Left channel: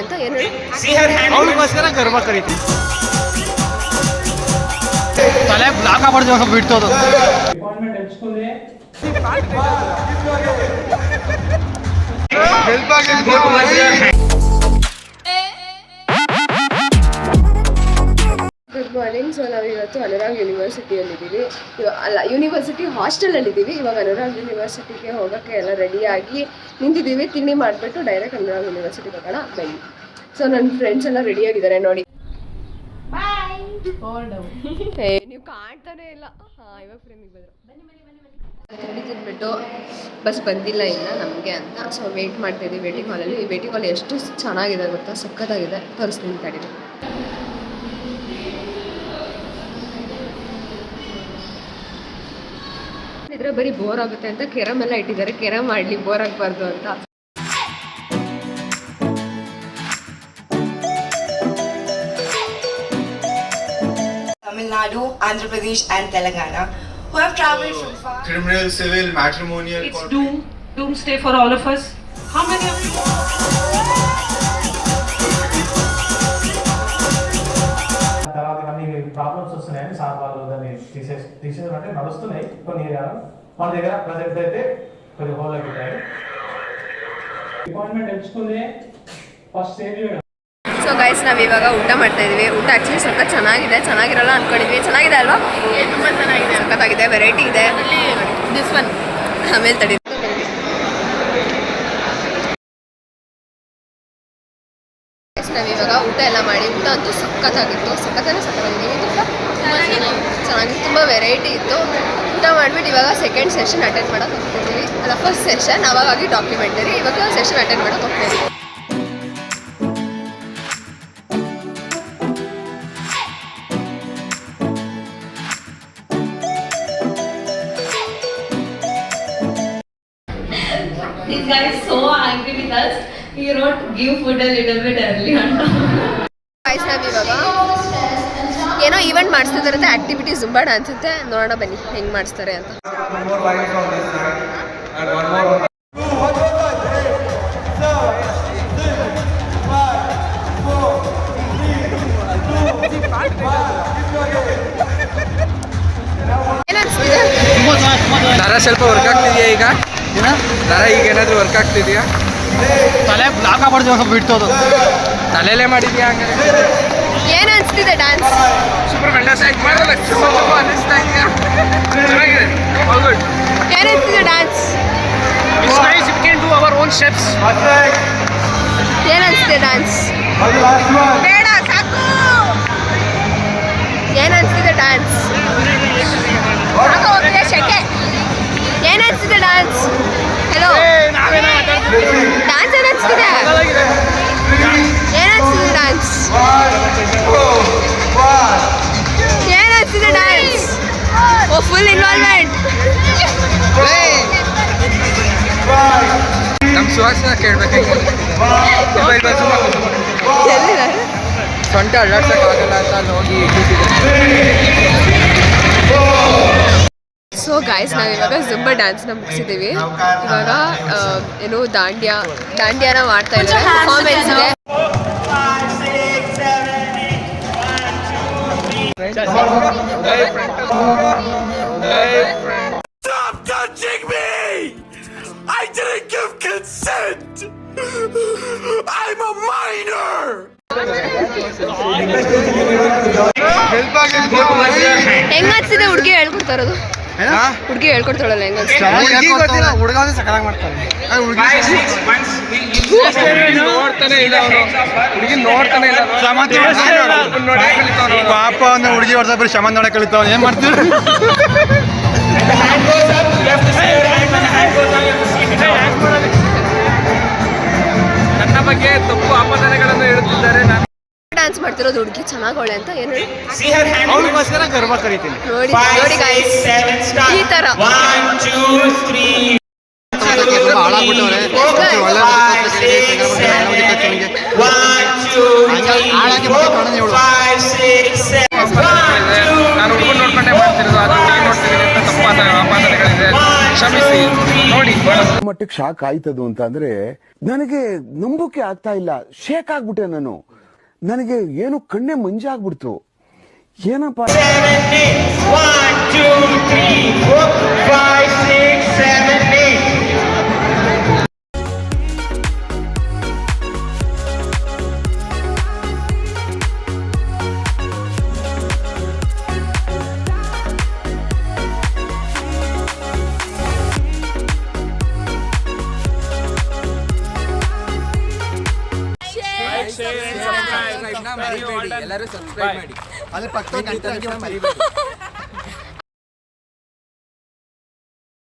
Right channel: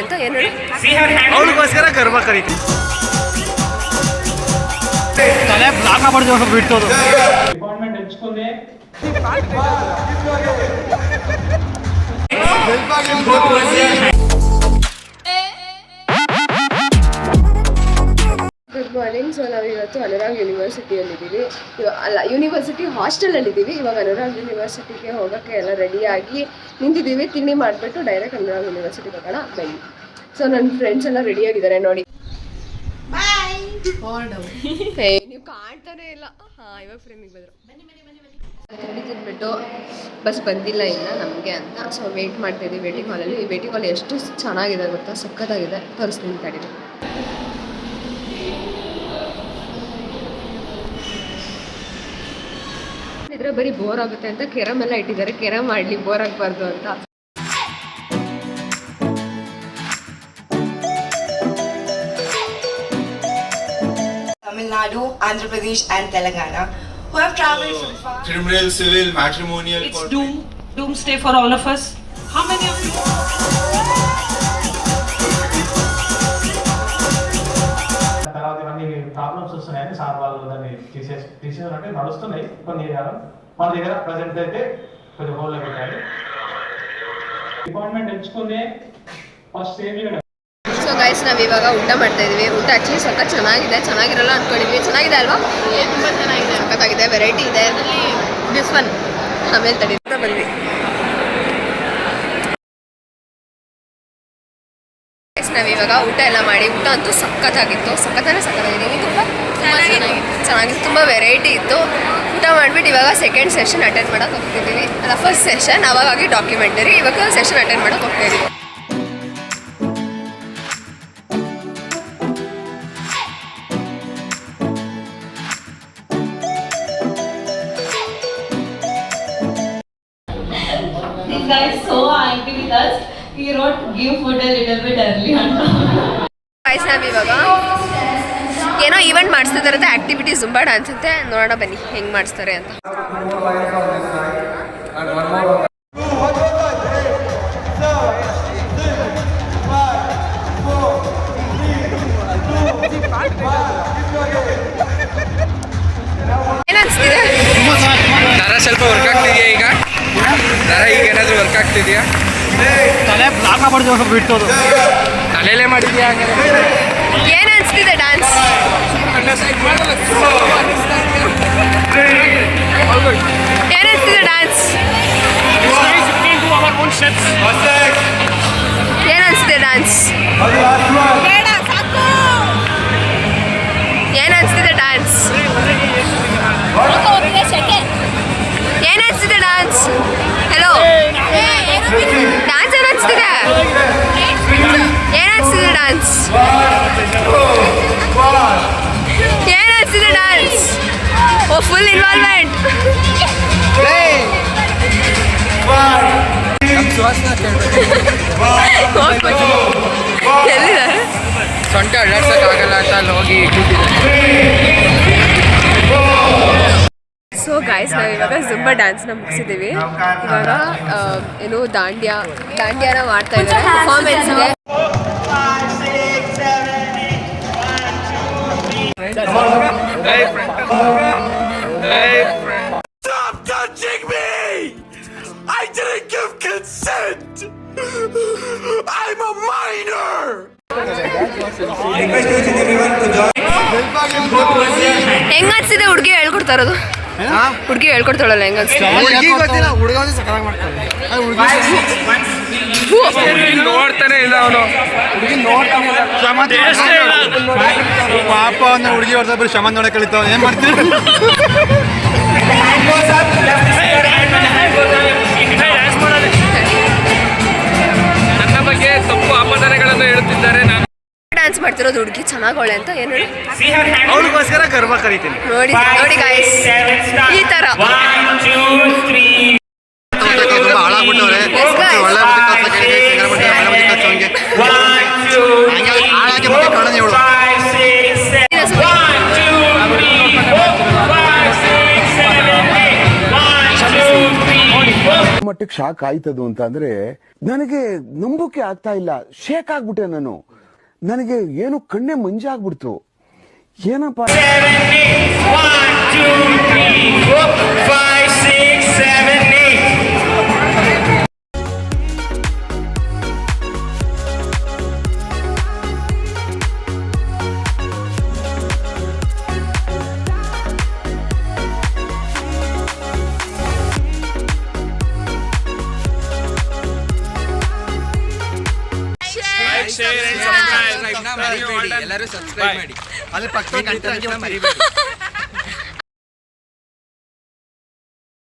ಅಂತ ಏನು ಹೇಳಿ ಅವಳಿಗೋಸ್ಕರ ಗರ್ಭ ಕರೀತು ತಲೆ ಬ್ಲಾಕ್ ಆಗ್ಬಾರ್ದು ಬಿಡ್ತೋದು ಗುಡ್ ಮಾರ್ನಿಂಗ್. ಸೊ ನಾವು ಇವತ್ತು ಅನುರಾಗ್ ಯೂನಿವರ್ಸಿಟಿಯಲ್ಲಿದ್ದೀವಿ. ಅಲ್ಲ, ಯೂನಿವರ್ಸಿಟಿ ಹಾಸ್ಟೆಲಲ್ಲಿದ್ದೀವಿ. ಇವಾಗ ಅನುರಾಗ್ ಯೂನಿವರ್ಸಿಟಿಗೆ ಹೋಗೋಕ್ಕೆ ಎಲ್ಲ ರೆಡಿಯಾಗಿ ನಿಂತಿದ್ದೀವಿ. ತಿಂಡಿ ಮಾಡಿಬಿಟ್ಟು ಡೈರೆಕ್ಟ್ ಅನುರಾಗ್ ಯೂನಿವರ್ಸಿಟಿಗೆ ಹೋಗೋಣ ಬನ್ನಿ. ಸೊ ನನ್ನ ಫ್ರೆಂಡ್ಸ್ ಎಲ್ಲ ರೆಡಿಯಾಗಿದ್ದಾರೆ ನೋಡಿ. ನೀವು ಕಾಣ್ತಾನೆ ಇಲ್ಲ. ಹಾಂ, ಇವಾಗ ಫ್ರೇಮಿಗೆ ಬಂದರು. ತಿಂಡಿ ತಿಂದ್ಬಿಟ್ಟು ಬಸ್ ಬಂದಿಲ್ಲ ಇಲ್ಲ ನಮಗೆ ಅಂತ. ಸೊ ವೆಯ್ಟ್ ಮಾಡ್ತಾಯಿದ್ದೀವಿ ವೇಟಿಂಗ್ ಹಾಲಲ್ಲಿ. ಈ ವೇಟಿಂಗ್ ಹಾಲ್ ಎಷ್ಟು ಚೆನ್ನಾಗಿದೆ ಗೊತ್ತಾ, ಸಖತ್ತಾಗಿದೆ. ತೋರಿಸ್ತೀನಿ ತಡೀರಿ. ಇದ್ರೆ ಬರೀ ಬೋರ್ ಆಗುತ್ತೆ ಅಂತ ಕೆರಮ್ ಎಲ್ಲ ಇಟ್ಟಿದ್ದಾರೆ. ಕೆರಮ್ ಮಾಡಲಿ, ಬೋರ್ ಆಗಬಾರ್ದು ಅಂತ. Tamil Nadu, Andhra Pradesh and Telangana who have travelled from far. Criminal, civil, matrimonial. It's doomsday for all of us. How many of you? Problems వస్తున్నాయని సార్ వాళ్ళు దాన్ని తీసేయాలంటే నడుస్తున్నాయి కొన్ని ఏరియాలో. మన దగ్గర ప్రజెంట్ అయితే కొంచెం హోల్ అయిపోతాయి. డిపార్ట్మెంట్ ఎంచుకుందే ఫస్ట్ సేవ్ చేయడం. ಸೊ ಗೈಸ್, ನಾವು ಇವಾಗ ಊಟ ಮಾಡ್ತಾ ಇದೀವಿ. ಊಟ ಆ್ಯಕ್ಚುಲಿ ಸಖತ್ ಚೆನ್ನಾಗಿದೆ. ಚೆನ್ನಾಗಿರಲ್ಲ ಅಂದ್ಕೊಂಡಿದ್ವಿ. ಚೆನ್ನಾಗಿದೆ ಅಲ್ವಾ? ತುಂಬ ಚೆನ್ನಾಗಿದೆ, ಸಖತ್ತಾಗಿದೆ. ವೆರೈಟಿ ಇದೆ. ಅದರಲ್ಲಿ ದಿಸ್ ಒನ್ ಆಮೇಲೆ ತಡೀತಾ ಬಂದ್ವಿ. ನಾವಿವಾಗ ಊಟ ಎಲ್ಲ ಮಾಡಿ, ಊಟ ಅಂತೂ ಸಖತ್ತಾಗಿತ್ತು. ಸಖತ್ತಾಗಿದೆ. ಇದು ತುಂಬ ಚೆನ್ನಾಗಿತ್ತು. ತುಂಬ ವೆರೈಟಿ ಇತ್ತು. ಊಟ ಮಾಡಿಬಿಟ್ಟು ಇವಾಗ ಸೆಕೆಂಡ್ ಸೆಷನ್ ಅಟೆಂಡ್ ಮಾಡೋಕೆ ಹೋಗ್ತಿದ್ದೀವಿ. ಅಲ್ಲ, ಫಸ್ಟ್ ಸೆಷನ್ ಅವಾಗಾಗಿ ಡಾಕ್ಯುಮೆಂಟರಿ. ಇವಾಗ ಸೆಷನ್ ಅಟೆಂಡ್ ಮಾಡೋಕೆ ಹೋಗ್ತಿದ್ದೀವಿ. This guy is so angry with us. He wrote give food a little bit early. Guys, ನಾವಿವಾಗ ಏನೋ ಈವೆಂಟ್ ಮಾಡಿಸ್ತಿದಾರಂತೆ, ಆಕ್ಟಿವಿಟಿ ಜುಂಬಾ ಡ್ಯಾನ್ಸ್ ಅಂತೆ. ನೋಡೋಣ ಬನ್ನಿ ಹೆಂಗೆ ಮಾಡಿಸ್ತಾರೆ ಅಂತ. ಏನನ್ಸ್ತಿದೆ? ಸ್ವಲ್ಪ ವರ್ಕ್ ಆಗ್ತಿದೆಯಾ ಈಗ? ಏನಾದರೂ ವರ್ಕ್ ಆಗ್ತಿದೆಯಾ? ತಲೆ ಬ್ಲಾಕ್ ಆಗ್ಬಾರ್ದು ಬಿಡ್ತೋದು. ತಲೆಯಲ್ಲೇ ಮಾಡಿದ್ಯಾ? ಏನು ಅನಿಸ್ತಿದೆ ಡ್ಯಾನ್ಸ್? ಏನು ಅನಿಸ್ತಿದೆ ಡ್ಯಾನ್ಸ್? ಏನು ಅನಿಸ್ತಿದೆ ಡ್ಯಾನ್ಸ್? ಬೇಡ ಸಾಕು. ಏನು ಅನಿಸ್ತಿದೆ ಡ್ಯಾನ್ಸ್? ಏನು ಅನಿಸ್ತಿದೆ ಡ್ಯಾನ್ಸ್? ಹೆಲೋ, ಡ್ಯಾನ್ಸ್ ಏನು ಅನಿಸ್ತಿದೆ? ಏನು ಅನಿಸ್ತಿದೆ ಡ್ಯಾನ್ಸ್? ಏನು ಅನಿಸ್ತಿದೆ ಡ್ಯಾನ್ಸ್? ಓ, ಫುಲ್ ಇನ್ವಾಲ್ವ್ಮೆಂಟ್. ನಮ್ಮ ಸುವಾಸನ ಕೇಳಬೇಕು. ಎಲ್ಲಿದ್ದಾರೆ? ಸೊಂಟ ಅಳ್ಳಾಡ್ಸೋಕ್ಕಾಗಲ್ಲ ಅಂತ ಅಲ್ಲಿ ಹೋಗಿ ಕೂತಿದ್ದಾರೆ. ಸೊ ಗಾಯ್ಸ್, ನಾವು ಇವಾಗ ಜುಂಬಾ ಡ್ಯಾನ್ಸ್ನ ಮುಗಿಸಿದ್ದೀವಿ. ಇವಾಗ ಏನು ದಾಂಡ್ಯಾನ ಮಾಡ್ತಾ ಇದ್ದಾರೆ. ಪರ್ಫಾರ್ಮೆನ್ಸ್ ಇದೆ. Stop touching me! I didn't give consent! I'm a minor! ಹೆಂಗ ಅನ್ಸಿದೆ? ಹುಡುಗಿ ಹೇಳ್ಕೊಡ್ತಾ ಇರೋದು. ಹುಡುಗಿ ಹೇಳ್ಕೊಡ್ತಾಳಲ್ಲ, ಹೆಂಗ ಅನ್ಸಿದೆ? ನೋಡ್ತಾನೆ ಇಲ್ಲ ಅವನು. ಹುಡುಗಿ ನೋಡ್ತಾನೆ ಇಲ್ಲ. ಪಾಪ ಅವನ ಹುಡುಗಿ ಹೊಡೆದ ಬರೀ ಶಮ ನೋಡಕ್ ಕಳಿತಾವ. ಏನ್ ಮಾಡ್ತೀವಿ? ನನ್ನ ಬಗ್ಗೆ ತಪ್ಪು ಅಪರಾಧಗಳನ್ನು ಹೇಳುತ್ತಿದ್ದಾರೆ. ಡ್ಯಾನ್ಸ್ ಮಾಡ್ತಿರೋದು ಹುಡುಗಿ ಚೆನ್ನಾಗವಳೆ ಅಂತ ಏನು ಹೇಳಿ? ಅವಳಿಗೋಸ್ಕರ ಗರ್ಭ ಕರೀತೀನಿ. ನೋಡಿ ಗಾಯ್ಸ್, ಈ ತರ ತುಂಬಾ ಹಾಳಾಗ್ಬಿಟ್ಟವ್ರೆ. ಒಳ್ಳೆ ಹಾಳಾಗಿ ಮತ್ತೆ ಕಾರಣ ಹೇಳು. ನಾನು ಹುಡುಗರು ನೋಡ್ಕೊಂಡೇ ಮಾಡ್ತಿರೋದು. ಅದು ಹುಡುಗಿ ನೋಡ್ತೀನಿ ಅಂತ ತಪ್ಪಾದ ಆಪಾದನೆಗಳಿದೆ. ಕ್ಷಮಿಸಿ ನೋಡಿ. ಮಟ್ಟಕ್ಕೆ ಶಾಕ್ ಆಯ್ತದು ಅಂತ ಅಂದ್ರೆ ನನಗೆ ನಂಬೋಕೆ ಆಗ್ತಾ ಇಲ್ಲ. ಶೇಕ್ ಆಗ್ಬಿಟ್ಟೆ ನಾನು. ನನಗೆ ಏನು ಕಣ್ಣೆ ಮಂಜಾಗ್ಬಿಡ್ತು. ಏನಪ್ಪ ಎಲ್ಲರೂ ಸಬ್ಸ್ಕ್ರೈಬ್ ಮಾಡಿ. ಅಲ್ಲಿ ಪಕ್ಕದ ಗಂಟೆ ಮರಿಬೇಡಿ.